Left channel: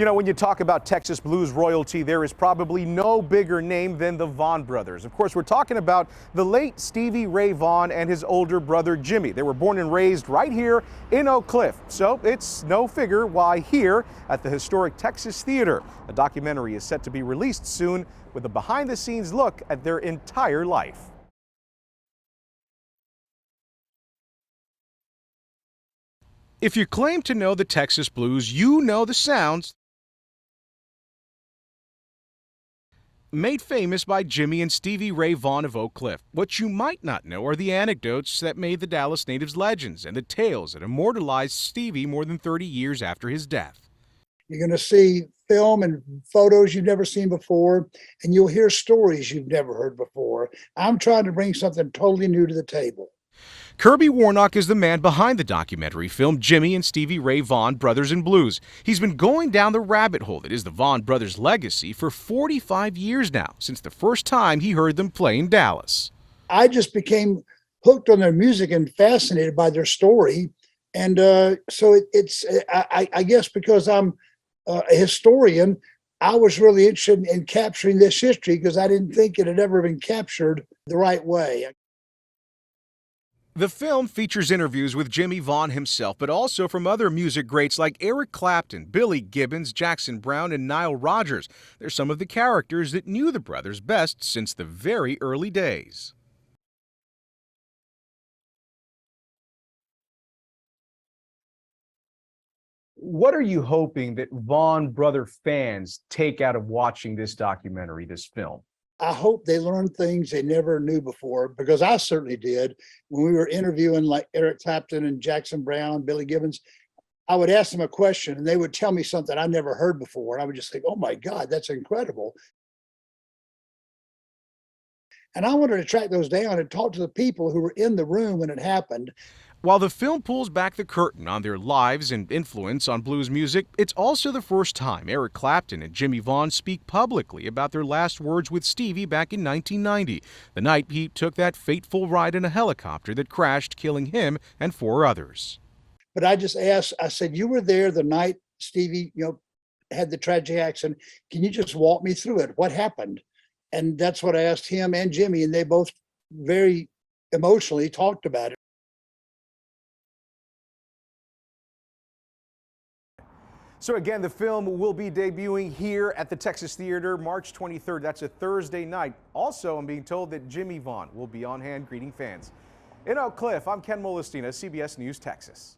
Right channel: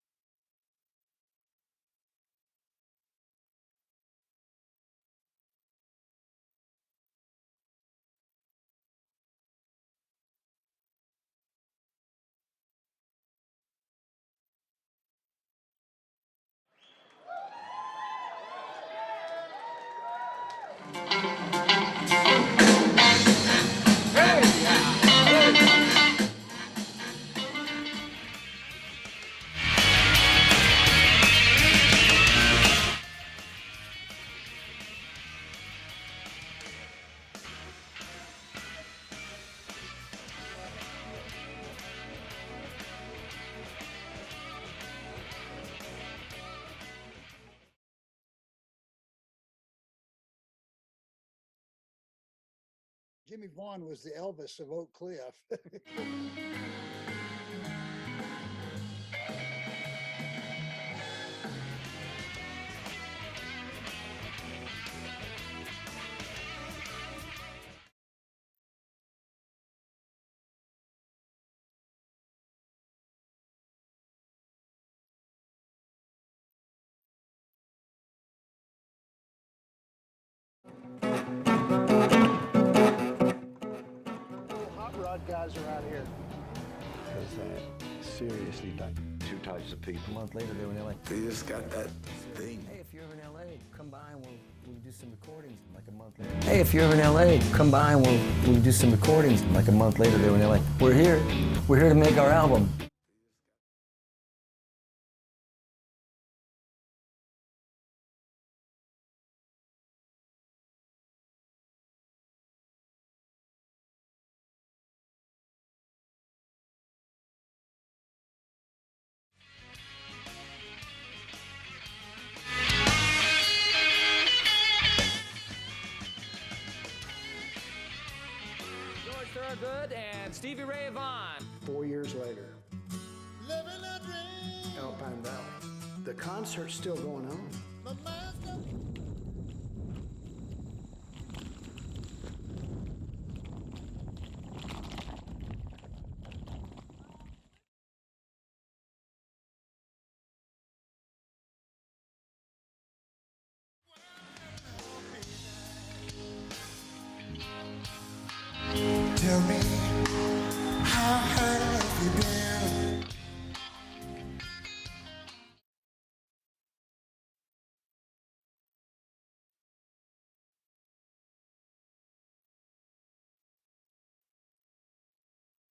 You know, when you talk about Texas blues royalty, there is probably no bigger name than the Vaughan brothers. Of course, we're talking about the late Stevie Ray Vaughan and his older brother Jimmy. They were born and raised right here in Oak Cliff. So it's no figure why here at the historic Texas Theater, a documentary is set to be released soon with a behind-the-scenes look at their entire life. If you claim to know the Texas blues, you know the sound made famous by Jimmy and Stevie Ray Vaughan of Oak Cliff. What you might not know are the anecdotes that made the Dallas natives legends and the tales that immortalized Stevie more than 30 years after his death. You're going to see film and photos you've never seen before, and you'll hear stories you've never heard before. I'm trying to bring something totally new to the table. Kirby Warnock is the man behind the documentary film Jimmy and Stevie Ray Vaughan Brothers in Blues. He's been going down the rabbit hole that is the Vaughan brothers' legacy for 45 years now, since the first time he heard them play in Dallas. I just became hooked on their music and fascinated by their story. And I guess because I'm a historian, I was really interested in capturing this history because I didn't think it had ever been captured the right way. The film features interviews with Jimmy Vaughan himself, but also from other music greats like Eric Clapton, Billy Gibbons, Jackson Browne, and Nile Rodgers. They're some of the characters that knew the brothers best since the very early days. Hey, if you're ever in LA, come by and we'll do some recordings. Like a month later, they were in LA. We're here to make our album. What are you hoping that Vaughan brother fans take out of watching this documentary, this film? I hope they learn things they never knew before, because I certainly did. When we were interviewing like Eric Clapton and Jackson Browne, Billy Gibbons, I would ask them a question and they would tell me something I never heard before. I would just think, oh my God, that's incredible. And I wanted to track those down and talk to the people who were in the room when it happened. While the film pulls back the curtain on their lives and influence on blues music, it's also the first time Eric Clapton and Jimmy Vaughan speak publicly about their last words with Stevie back in 1990, the night he took that fateful ride in a helicopter that crashed, killing him and 4 others. But I just asked, I said, you were there the night Stevie, had the tragic accident. Can you just walk me through it? What happened? And that's what I asked him and Jimmy, and they both very emotionally talked about it. Tell me, how have you been? So again, the film will be debuting here at the Texas Theater March 23rd. That's a Thursday night. Also, I'm being told that Jimmy Vaughan will be on hand greeting fans. In Oak Cliff, I'm Ken Molestina, CBS News, Texas.